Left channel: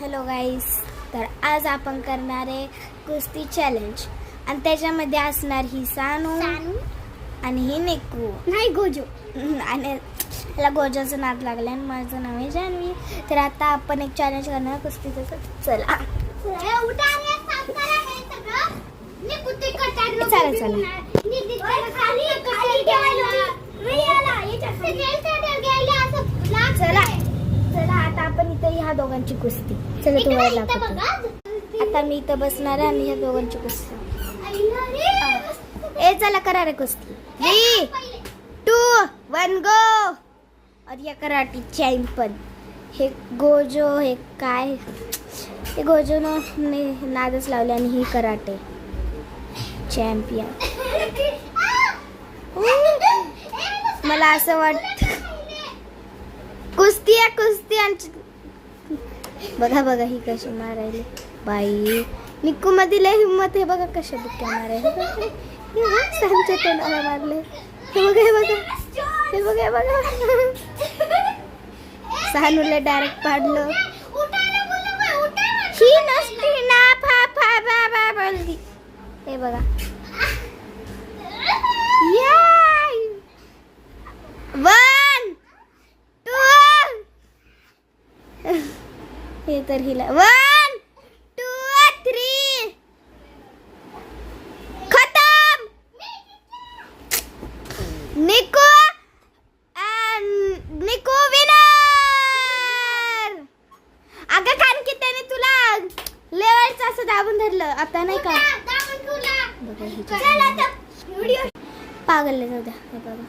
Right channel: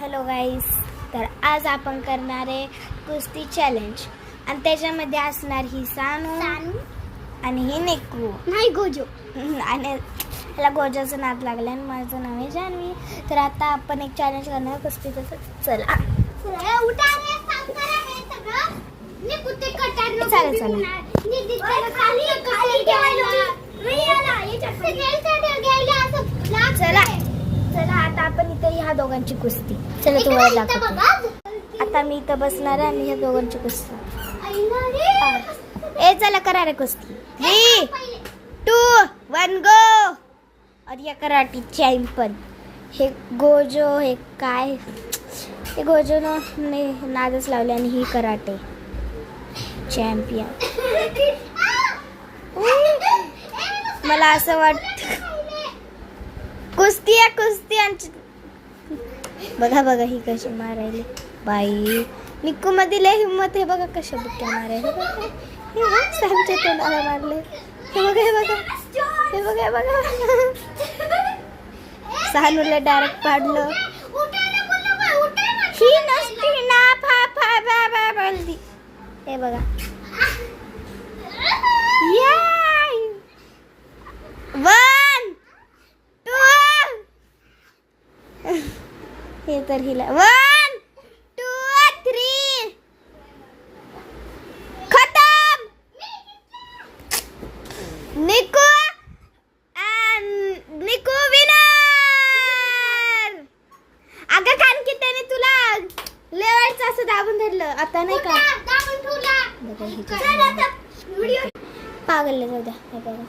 Hello गाईस, तर आज आपण करणार आहे कुस्ती चॅलेंज आणि त्याच्यामध्ये असणार ही सानू आणि ही निकू नाही गोजो आणि त्याला गोजाचं नाद लागलं आणि माझं नाव आहे जान्हवी. तर आता आपण एक चॅलेंज करणार कुस्तीचं. चला चला चला आता आपण इथे ह्या दोघांची कुस्ती. चला तुम्हाला दाखवते. आता मी इथं बसणार आहे आणि ह्या दोघांची कुस्ती. ए चला करा रे कुस्ती. 3, 2, 1 गो. और या कराटी चॅम्पियन हे गोजो हे काय ते गोजोने नादच लावले आणि ही कराटे चॅम्पियन. मला असं वाटत कुस्ती आहे कुस्ती आणि बघा बघा ही कशी मारायली बाई. निक्कू मध्ये लय हिंमत आहे बघा कशा बुक्या मारायला. सांगते तोंडाला मारले. हे बघा हे बघा हे बघा हे बघा. सानूला डायरेक्ट पाडलं. ही नसती ना फा फा बा बा बोलती. हे बघा याय 1 2 हे तर हिला 1 2 3 खतम. निकू निकू विनर. अगं कारण की त्याने तुला लयच असं दाबून धरलं. आता नाही का पागल जाऊ द्या. हे बघा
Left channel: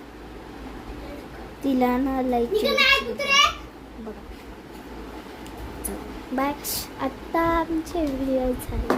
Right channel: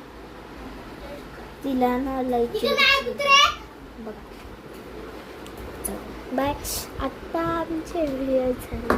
तिला ना लयची बघा. बाय. आता आमचे व्हिडिओ झाले.